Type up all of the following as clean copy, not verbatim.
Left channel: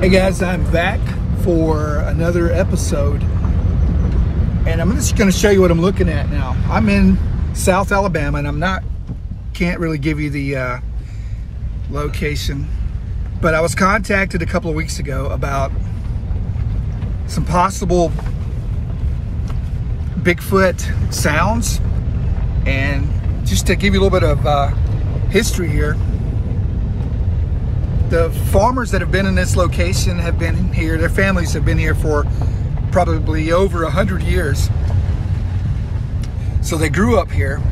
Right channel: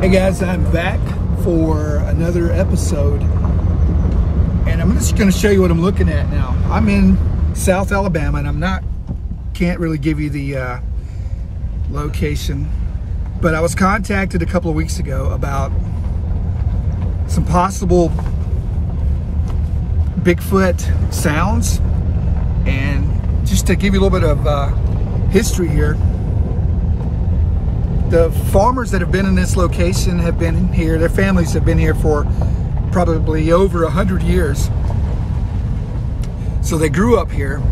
Hey guys, I'm back for another episode, and I'm just going to show you what I'm looking at now. I'm in South Alabama, and can't really give you the location, but I was contacted a couple of weeks ago about some possible Bigfoot sounds. And just to give you a little bit of history here, the farmers that have been in this location have been here, their families have been here for probably over 100 years. So they grew up here,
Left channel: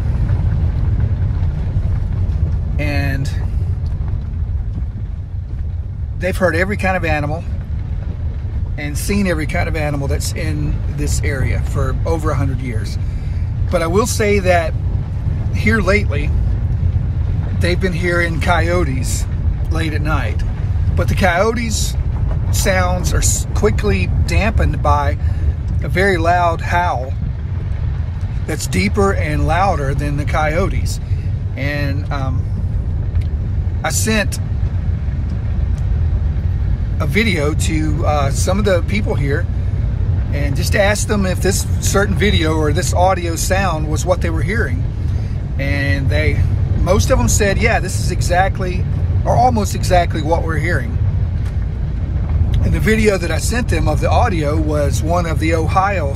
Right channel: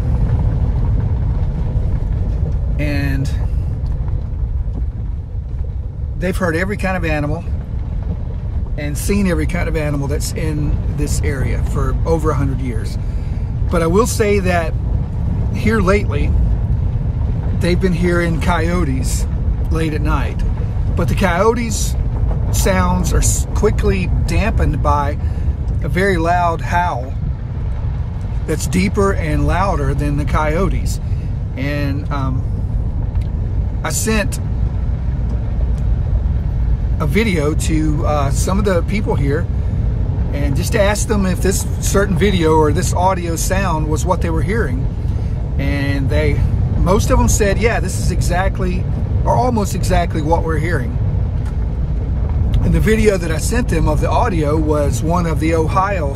and they've heard every kind of animal and seen every kind of animal that's in this area for over 100 years. But I will say that here lately, they've been hearing coyotes late at night, but the coyotes sounds are quickly dampened by a very loud howl that's deeper and louder than the coyotes. And I sent a video to some of the people here and just asked them if this certain video or this audio sound was what they were hearing, and most of them said, yeah, this is exactly or almost exactly what we're hearing. And the video that I sent them of the audio was one of the Ohio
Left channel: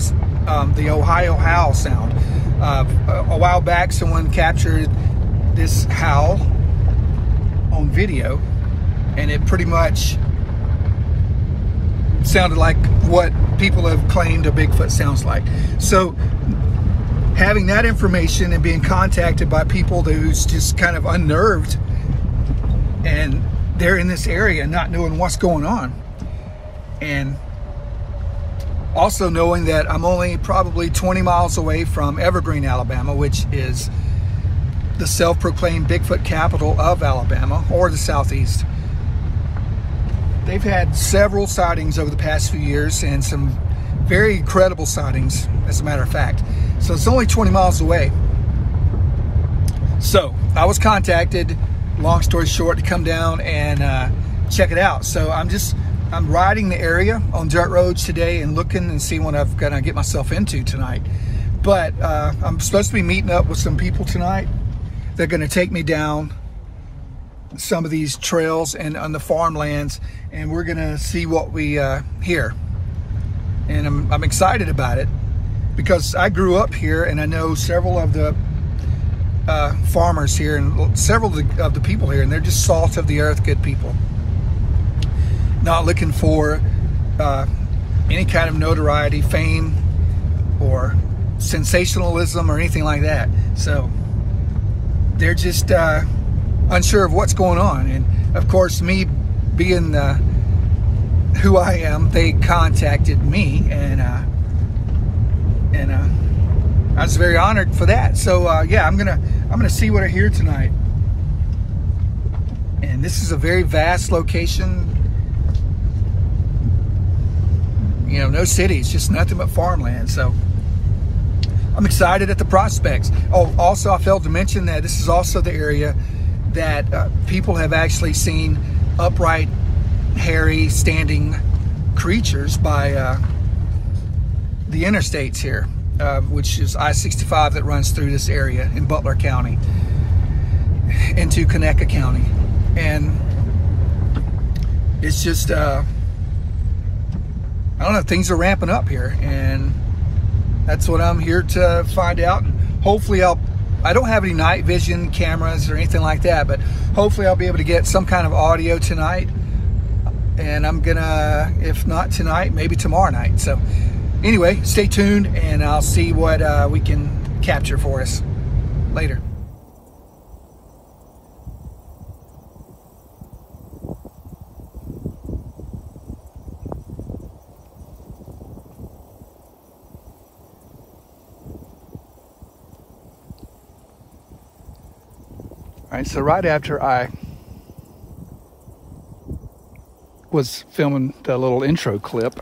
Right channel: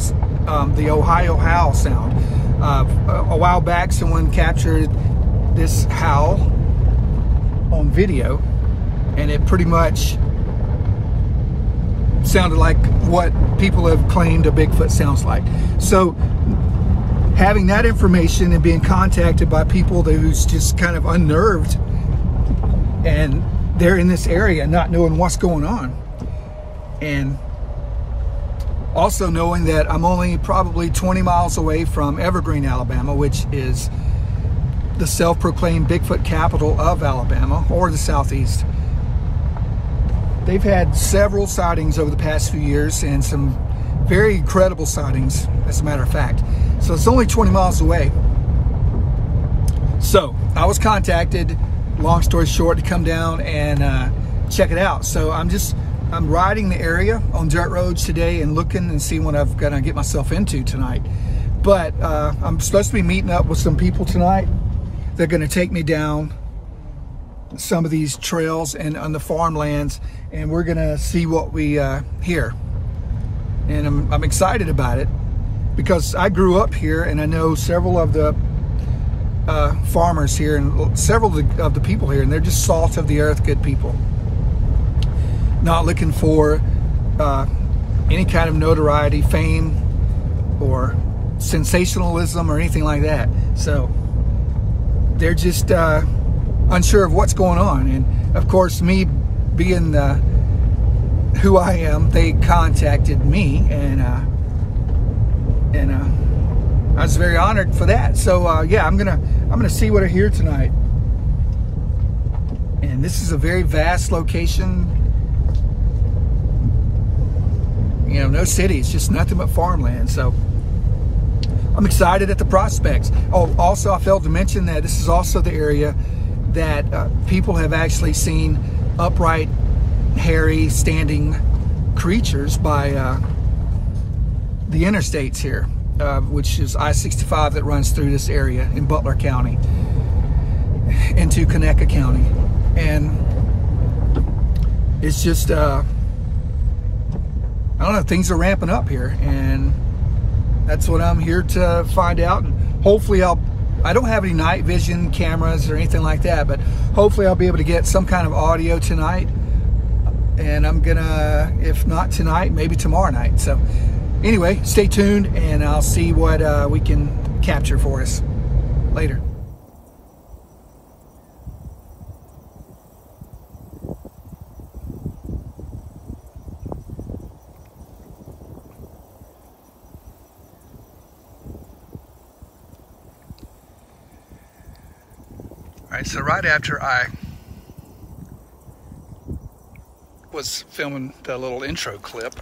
howl sound. A while back, someone captured this howl on video, and it pretty much sounded like what people have claimed a Bigfoot sounds like. So having that information and being contacted by people who's just kind of unnerved, and they're in this area not knowing what's going on, and also knowing that I'm only probably 20 miles away from Evergreen, Alabama, which is the self-proclaimed Bigfoot capital of Alabama, or the Southeast. They've had several sightings over the past few years, and some very incredible sightings, as a matter of fact. So it's only 20 miles away. So I was contacted, long story short, to come down and check it out. So I'm riding the area on dirt roads today and looking and seeing what I'm gonna get myself into tonight. But I'm supposed to be meeting up with some people tonight. They're gonna take me down some of these trails and on the farmlands, and we're gonna see what we hear. And I'm excited about it because I grew up here, and I know several of the farmers here and several of the people here, and they're just salt of the earth good people, not looking for any kind of notoriety, fame, or sensationalism or anything like that. So they're just unsure of what's going on. And of course, me being who I am, they contacted me, and I was very honored for that. So yeah, I'm gonna see what I hear tonight. And this is a very vast location. You know, no cities, just nothing but farmland. So I'm excited at the prospects. Oh, also I failed to mention that this is also the area that people have actually seen upright, hairy, standing creatures by the interstates here, which is I-65 that runs through this area in Butler County into Conecuh County. And it's just, I don't know, things are ramping up here, and that's what I'm here to find out. And hopefully I don't have any night vision cameras or anything like that, but hopefully I'll be able to get some kind of audio tonight. And I'm gonna, if not tonight, maybe tomorrow night. So anyway, stay tuned, and I'll see what we can capture for us later. All right, so right after I was filming the little intro clip,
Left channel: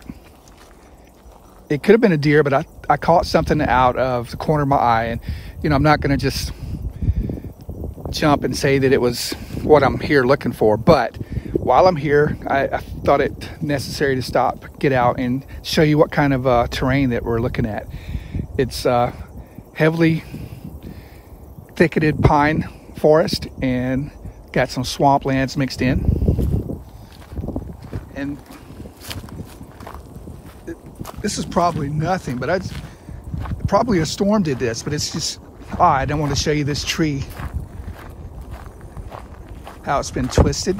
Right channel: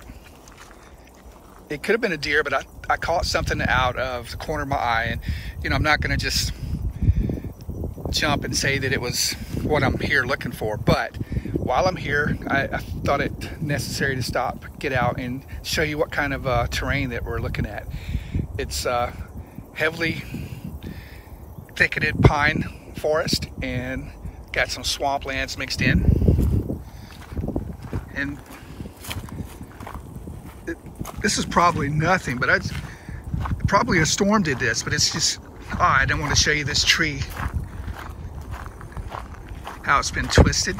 it could have been a deer, but I caught something out of the corner of my eye. And, you know, I'm not going to just jump and say that it was what I'm here looking for, but while I'm here, I thought it necessary to stop, get out, and show you what kind of terrain that we're looking at. It's heavily thicketed pine forest and got some swamplands mixed in. And this is probably nothing, but probably a storm did this, but it's just odd. I want to show you this tree, how it's been twisted.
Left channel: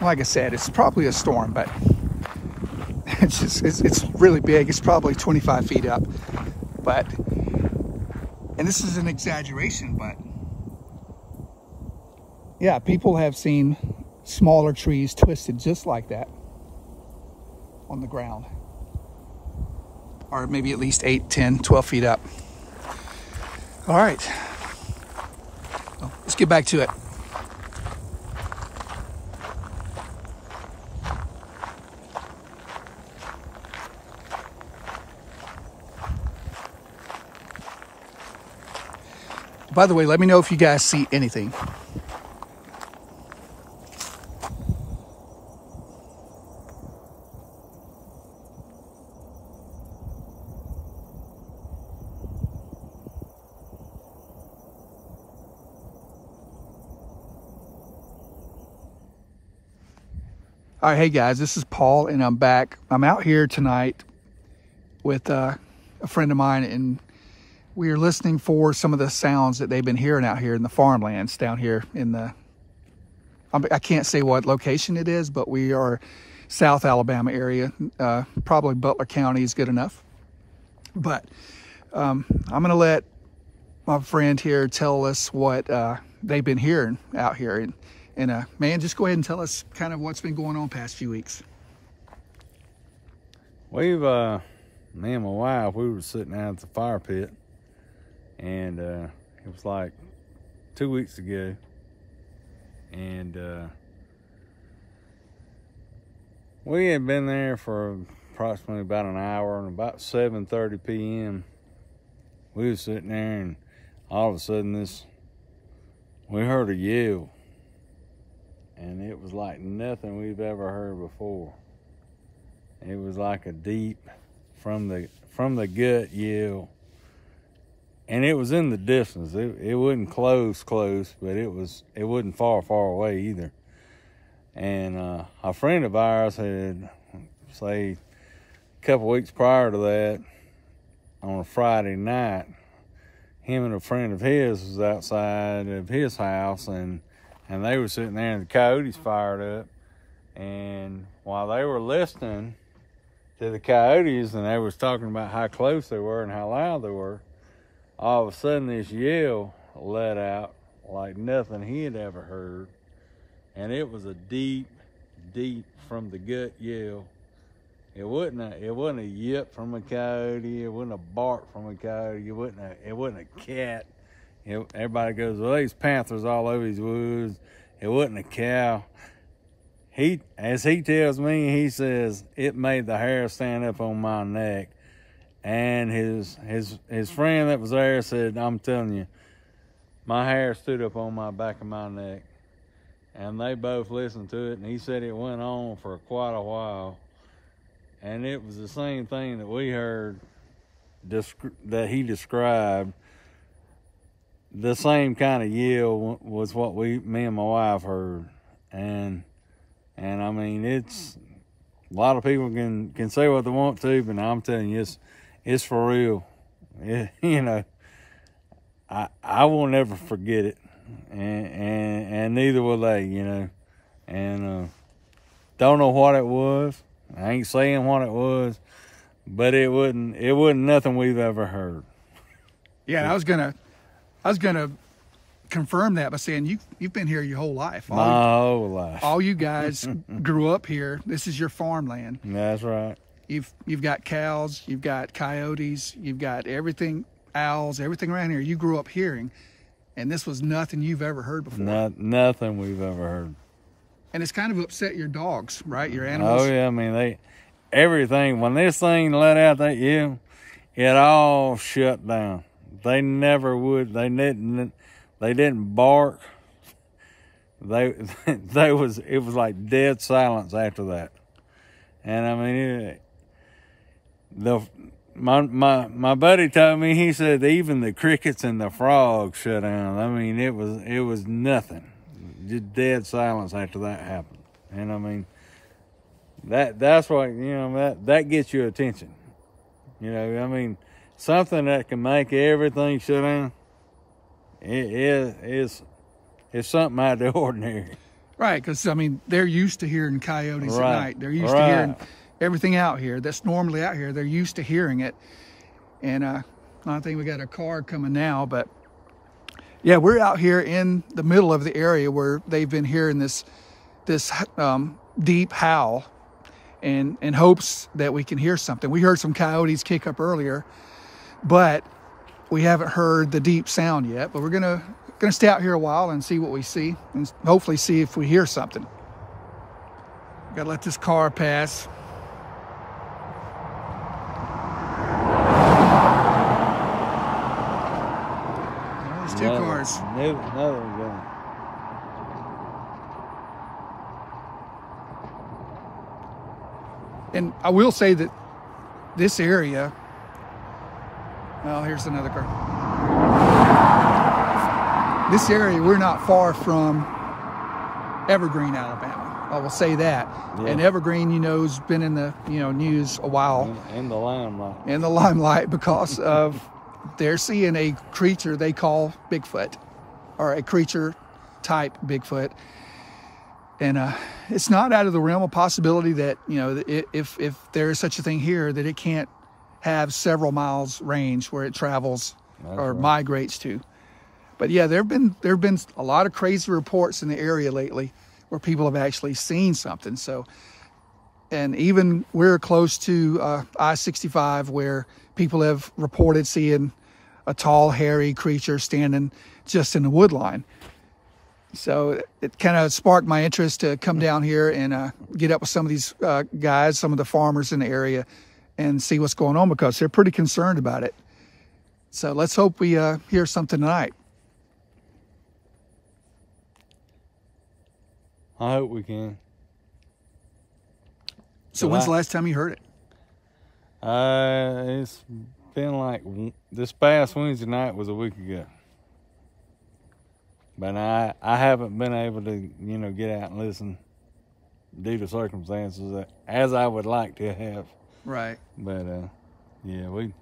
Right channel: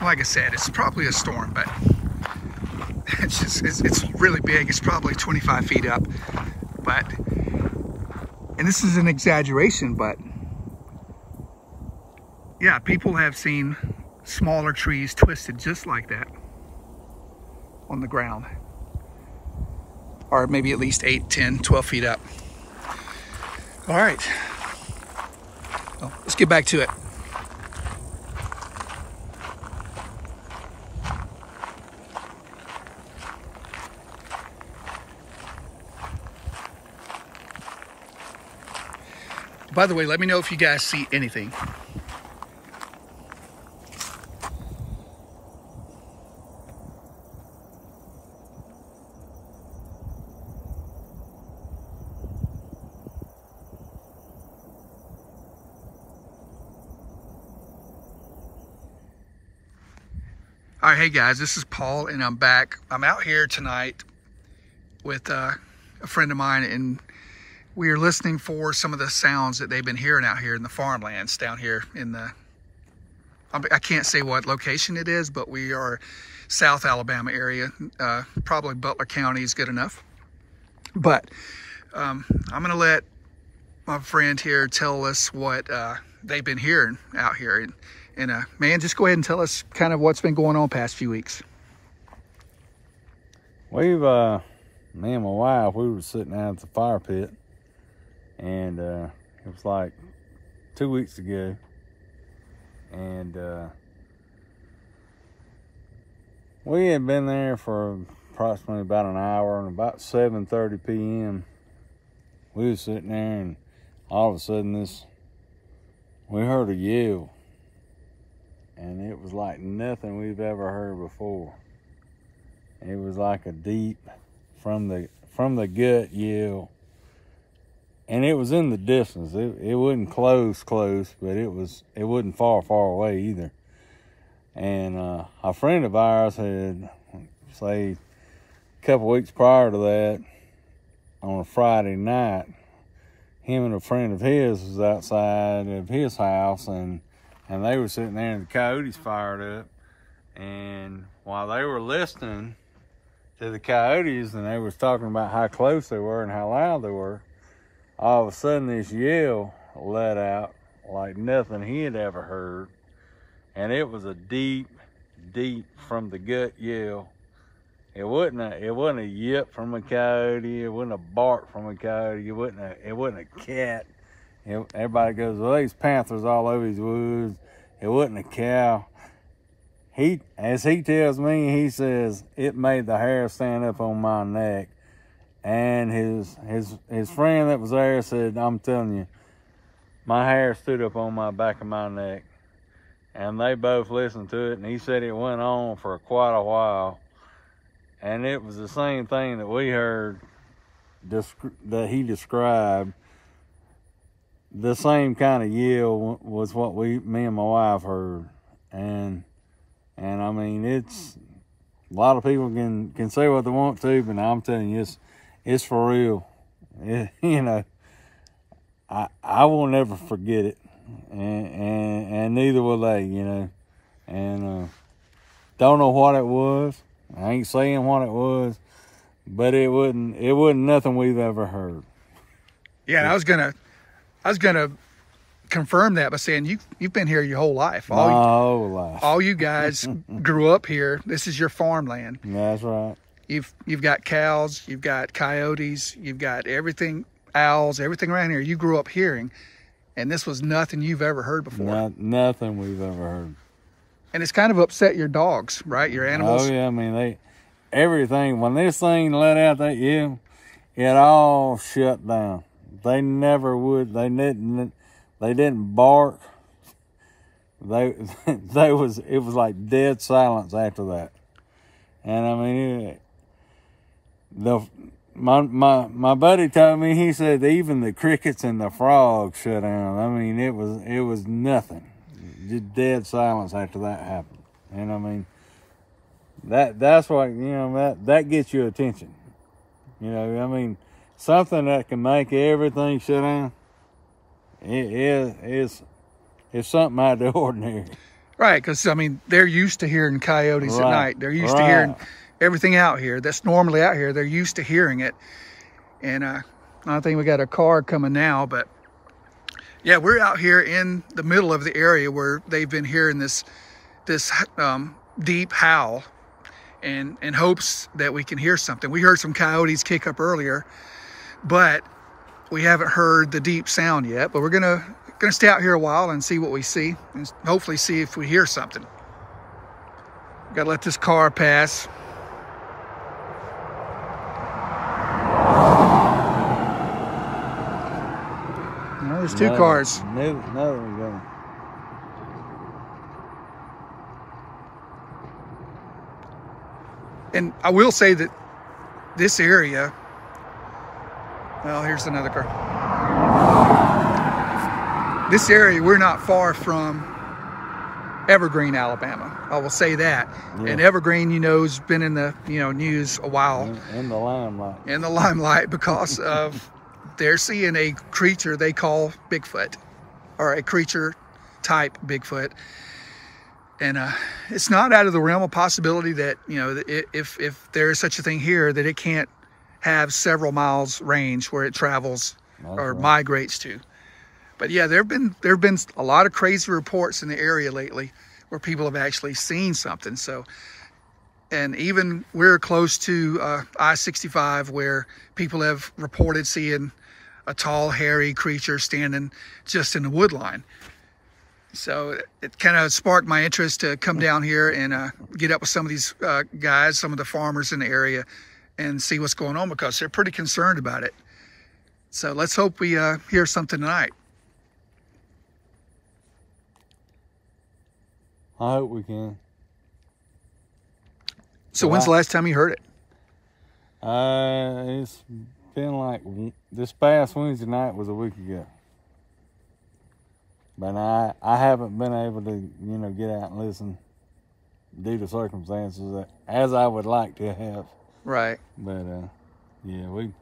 Like I said, it's probably a storm, but it's really big. It's probably 25 feet up, but, and this is an exaggeration, but yeah, people have seen smaller trees twisted just like that on the ground, or maybe at least 8, 10, 12 feet up. All right, well, let's get back to it. By the way, let me know if you guys see anything. All right, hey guys, this is Paul and I'm back. I'm out here tonight with a friend of mine, and we are listening for some of the sounds that they've been hearing out here in the farmlands down here in the, I can't say what location it is, but we are South Alabama area. Probably Butler County is good enough. But I'm gonna let my friend here tell us what they've been hearing out here. And man, just go ahead and tell us kind of what's been going on past few weeks. We've, me and my wife, we were sitting out at the fire pit, and it was like 2 weeks ago, and we had been there for approximately about an hour, and about 7:30 p.m. we was sitting there, and all of a sudden we heard a yell, and it was like nothing we've ever heard before. It was like a deep from the gut yell. And it was in the distance. It wasn't close, but it wasn't far away either. And a friend of ours had, say, a couple weeks prior to that, on a Friday night, him and a friend of his was outside of his house, and they were sitting there, and the coyotes fired up. And while they were listening to the coyotes, and they was talking about how close they were and how loud they were, all of a sudden this yell let out like nothing he had ever heard. And it was a deep from the gut yell. It wasn't a yip from a coyote. It wasn't a bark from a coyote. It wasn't a cat. Everybody goes, well, there's panthers all over these woods. It wasn't a cow. As he tells me, he says, it made the hair stand up on my neck. And his friend that was there said, I'm telling you, my hair stood up on my back of my neck. And they both listened to it, and he said it went on for quite a while. And it was the same thing that we heard that he described. The same kind of yell was what me and my wife heard. And I mean, it's, a lot of people can say what they want to, but I'm telling you, it's for real. You know, I will never forget it, and neither will they. You know, and don't know what it was. I ain't saying what it was, but it wasn't nothing we've ever heard. Yeah, and I was gonna confirm that by saying you've been here your whole life. My whole life. All you guys grew up here. This is your farmland. That's right. You've got cows, you've got coyotes, you've got everything, owls, everything around here. You grew up hearing, and this was nothing you've ever heard before. Nothing we've ever heard. And it's kind of upset your dogs, right? Your animals. Oh yeah, I mean everything. When this thing let out that yell, it all shut down. They never would. They didn't bark. it was like dead silence after that. And I mean, my buddy told me, he said even the crickets and the frogs shut down. I mean, it was nothing, just dead silence after that happened. And I mean, that's what, that gets your attention. I mean, something that can make everything shut down, it's something out of the ordinary. Right, because, I mean, they're used to hearing coyotes at night. They're used to hearing everything out here that's normally out here. They're used to hearing it. And I think we got a car coming now, but yeah, we're out here in the middle of the area where they've been hearing this deep howl in hopes that we can hear something. We heard some coyotes kick up earlier, but we haven't heard the deep sound yet. But we're gonna stay out here a while and see what we see, and hopefully see if we hear something. Gotta let this car pass. There's two cars. And I will say that this area, well, here's another car. This area, we're not far from Evergreen, Alabama. I will say that. Yeah. And Evergreen, has been in the, news a while. In the limelight. In the limelight because of they're seeing a creature they call Bigfoot, or a creature type Bigfoot. And it's not out of the realm of possibility that, if there is such a thing here, that it can't have several miles range where it travels or migrates to. But yeah, there have been a lot of crazy reports in the area lately where people have actually seen something. So, and even we're close to I-65 where people have reported seeing a tall, hairy creature standing just in the wood line. So it kind of sparked my interest to come down here and get up with some of these guys, some of the farmers in the area, and see what's going on, because they're pretty concerned about it. So let's hope we hear something tonight. I hope we can. So when's the last time you heard it? It's been like this past Wednesday night was a week ago. But I haven't been able to, get out and listen due to circumstances as I would like to have. Right. But yeah, we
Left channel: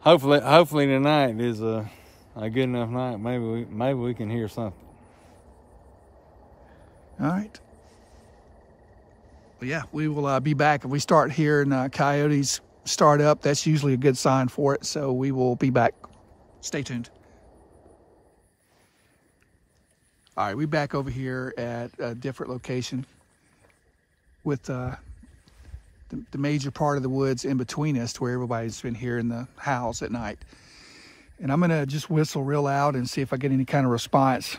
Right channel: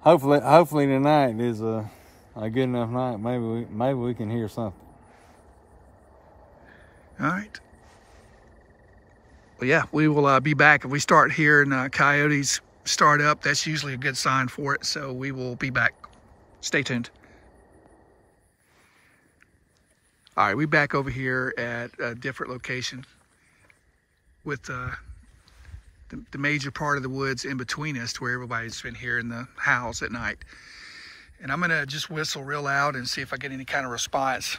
hopefully tonight is a good enough night. Maybe we can hear something. All right. Well, yeah, we will be back. If we start hearing coyotes start up, that's usually a good sign for it. So we will be back. Stay tuned. All right, we're back over here at a different location with the major part of the woods in between us, to where everybody's been hearing the howls at night. And I'm gonna just whistle real loud and see if I get any kind of response.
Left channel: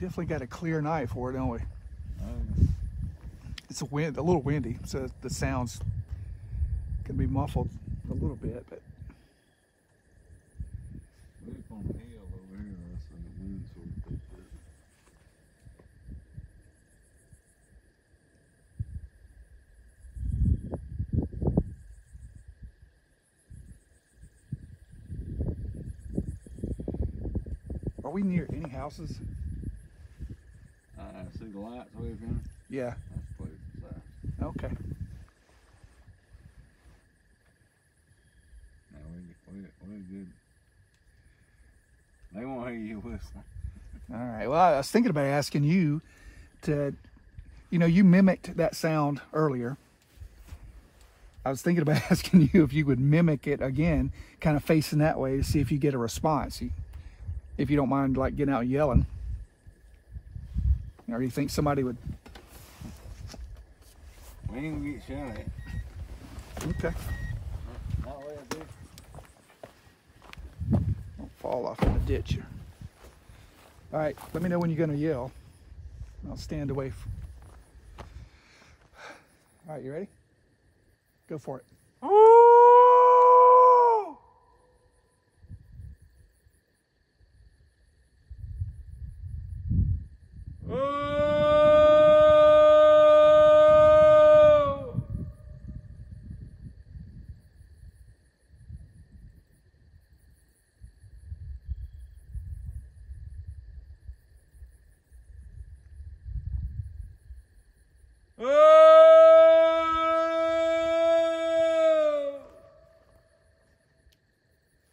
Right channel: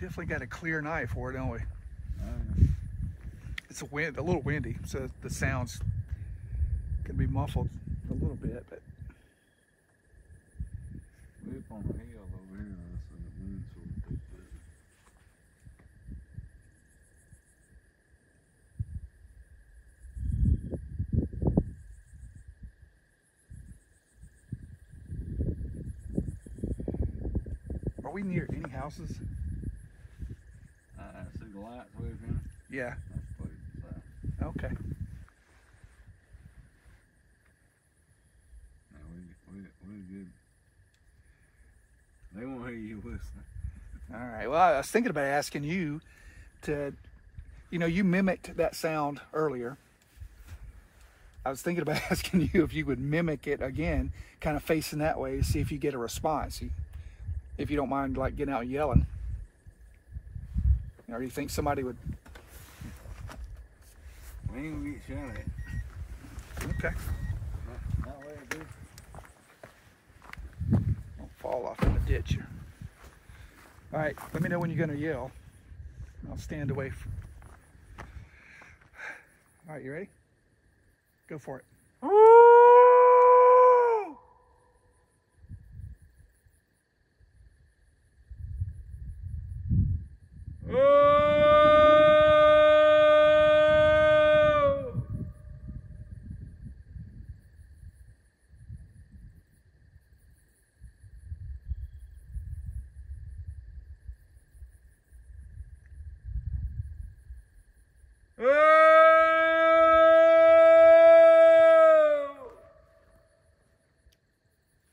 Definitely got a clear night for it, don't we? It's a little windy, so the sounds can be muffled a little bit, but we're up on the hill over here, so the wind's sort of picked up. Are we near any houses? See the lights waving? Yeah. So. Okay. No, we're good. They won't hear you whistling. All right. Well, I was thinking about asking you to, you mimicked that sound earlier. I was thinking about asking you if you would mimic it again, kind of facing that way to see if you get a response. If you don't mind, like, getting out and yelling. Or do you think somebody would? We ain't gonna get shot at. Okay. Not way I do. Don't fall off in the ditch. All right, let me know when you're gonna yell. I'll stand away. All right, you ready? Go for it.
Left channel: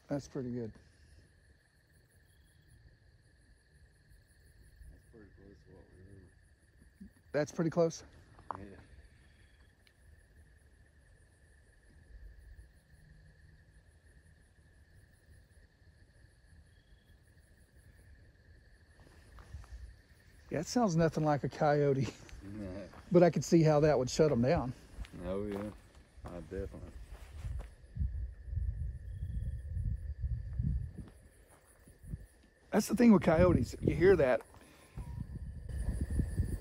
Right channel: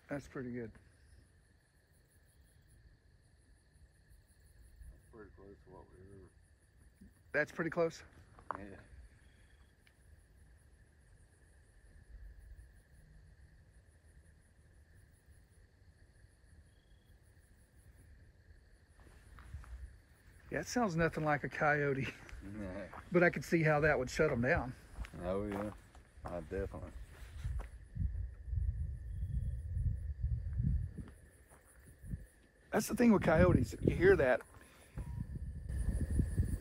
That's pretty good. That's pretty close to what we were. That's pretty close? Yeah. Yeah, it sounds nothing like a coyote. Yeah. But I could see how that would shut them down. Oh yeah, definitely. That's the thing with coyotes. You hear that.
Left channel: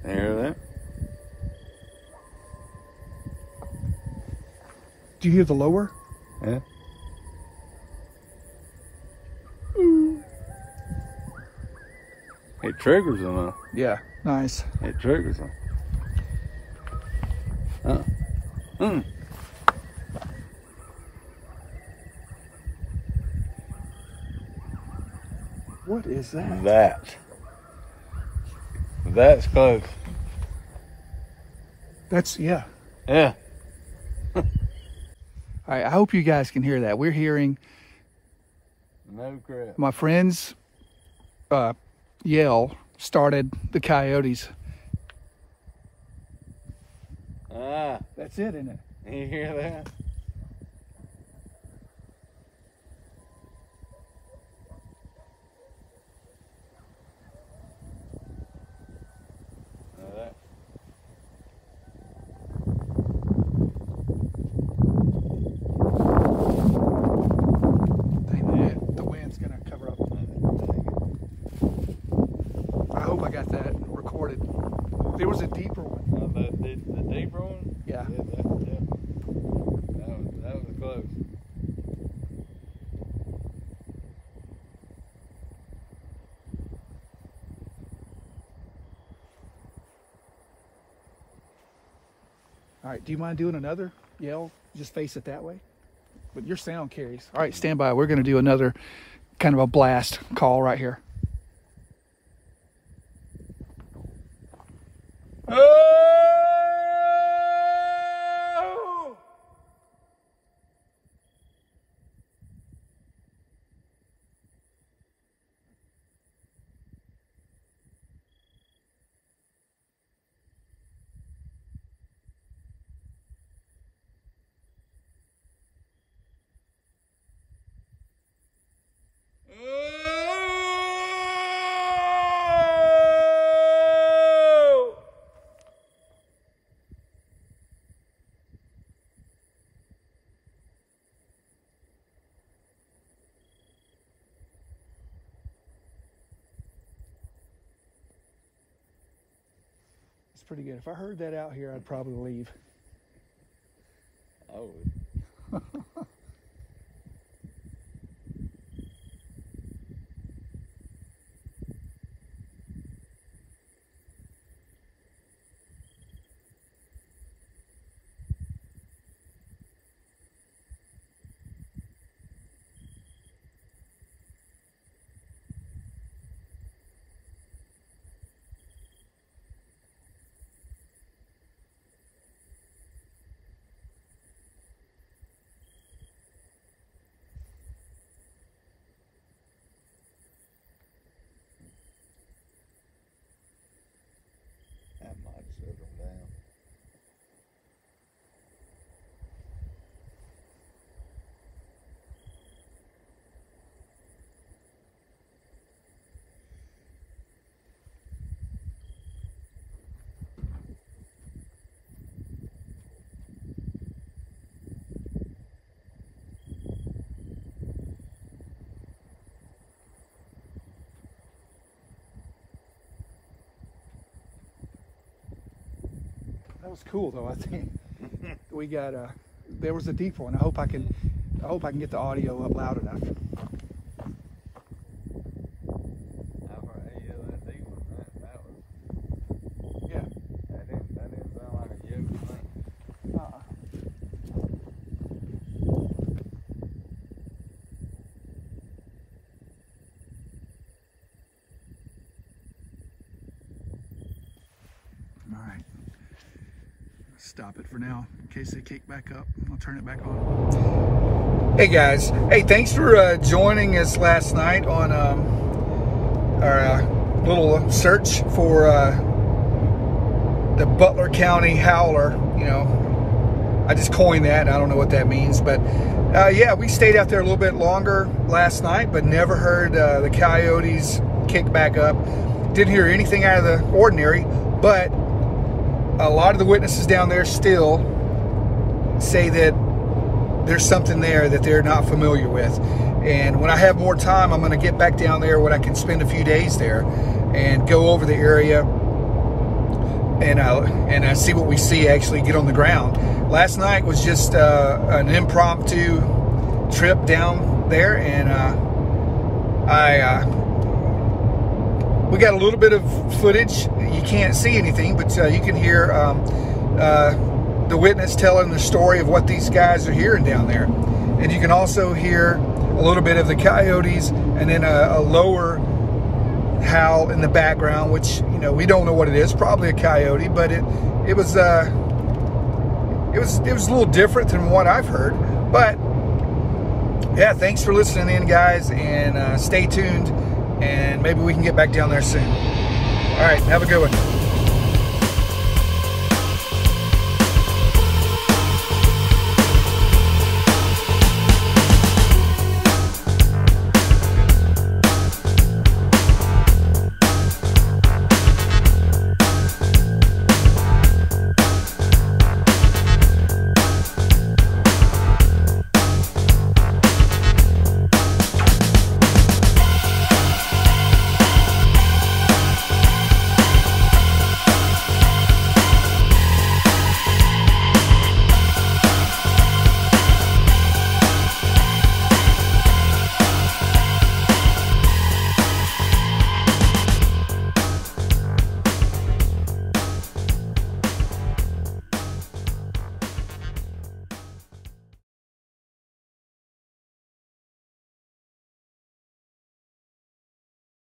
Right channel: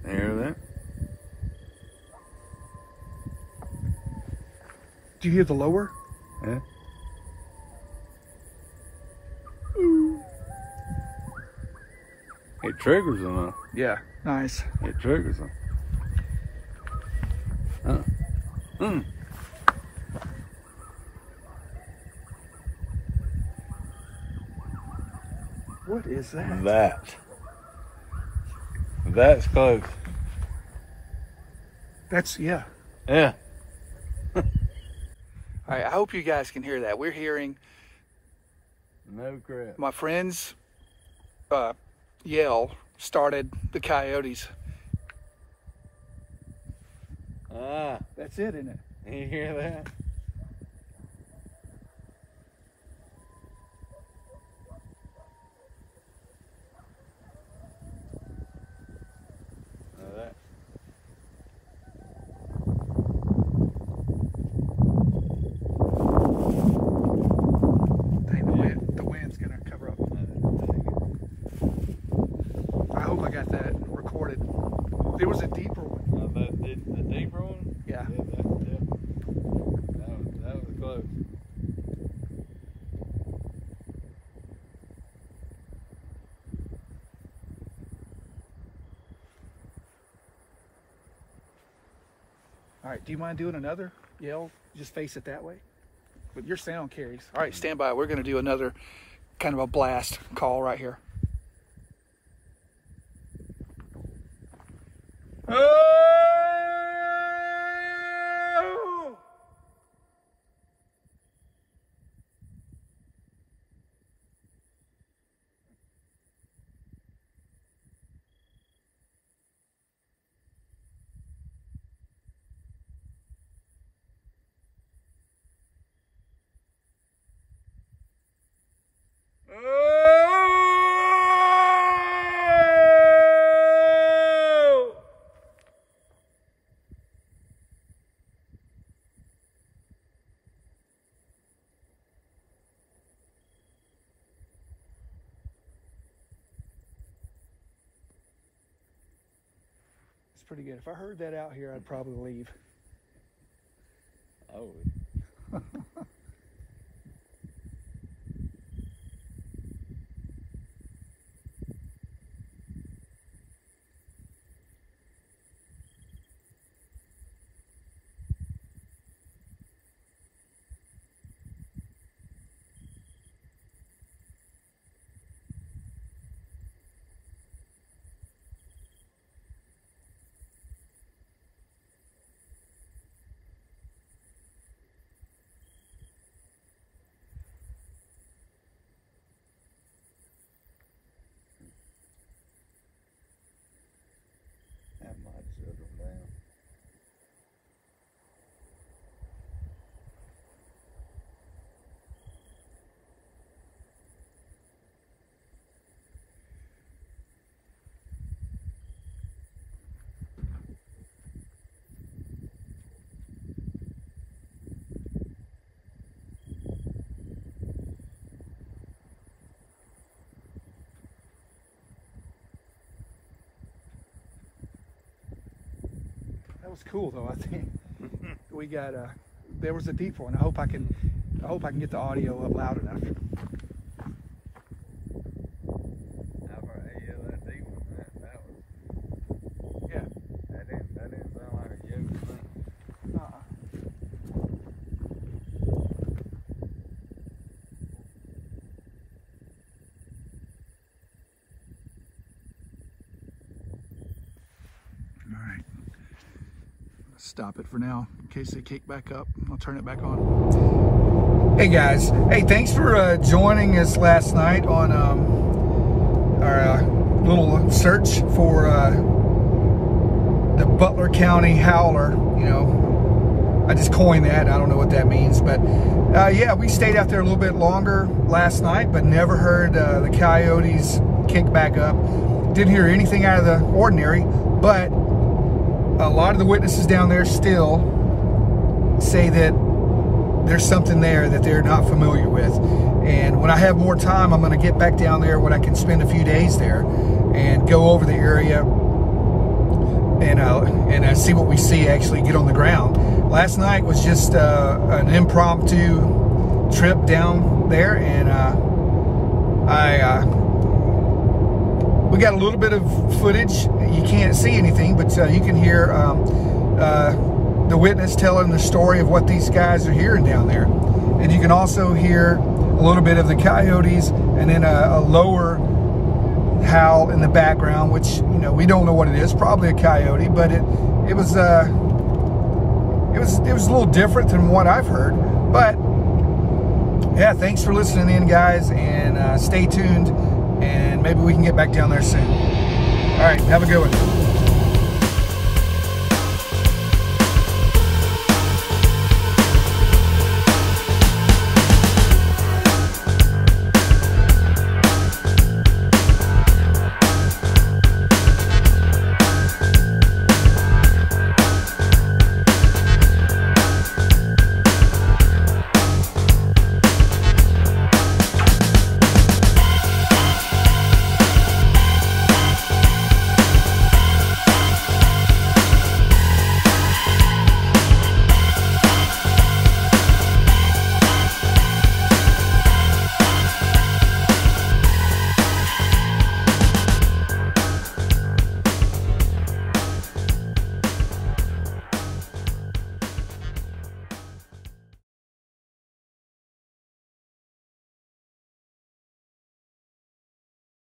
You hear that? Do you hear the lower? Yeah. It triggers them. Yeah, nice. It triggers them. What is that? That's close. That's, yeah. Yeah. All right, I hope you guys can hear that. We're hearing No crap. my friend's yell started the coyotes. Ah, That's it, isn't it? you hear that? The wind's gonna cover up. I hope I got that recorded. There was a deeper one. The deeper one? Yeah. That was close. All right, do you mind doing another yell? Just face it that way. But your sound carries. All right, stand by. We're going to do another kind of a blast call right here. It's pretty good. If I heard that out here, I'd probably leave. Oh. was cool though. I think we got there was a deep one. I hope I can get the audio up loud enough. Stop it for now in case they kick back up. I'll turn it back on. Hey guys, hey, thanks for joining us last night on our little search for the Butler County howler. You know, I just coined that. I don't know what that means, but yeah, we stayed out there a little bit longer last night, but never heard the coyotes kick back up. Didn't hear anything out of the ordinary, but a lot of the witnesses down there still say that there's something there that they're not familiar with. And when I have more time, I'm going to get back down there when I can spend a few days there and go over the area and see what we see actually get on the ground. Last night was just an impromptu trip down there, and we got a little bit of footage. You can't see anything, but you can hear the witness telling the story of what these guys are hearing down there. And you can also hear a little bit of the coyotes, and then a lower howl in the background, which, you know, we don't know what it is. Probably a coyote, but it was a little different than what I've heard. But yeah, thanks for listening in, guys, and stay tuned. And maybe we can get back down there soon. All right, have a good one.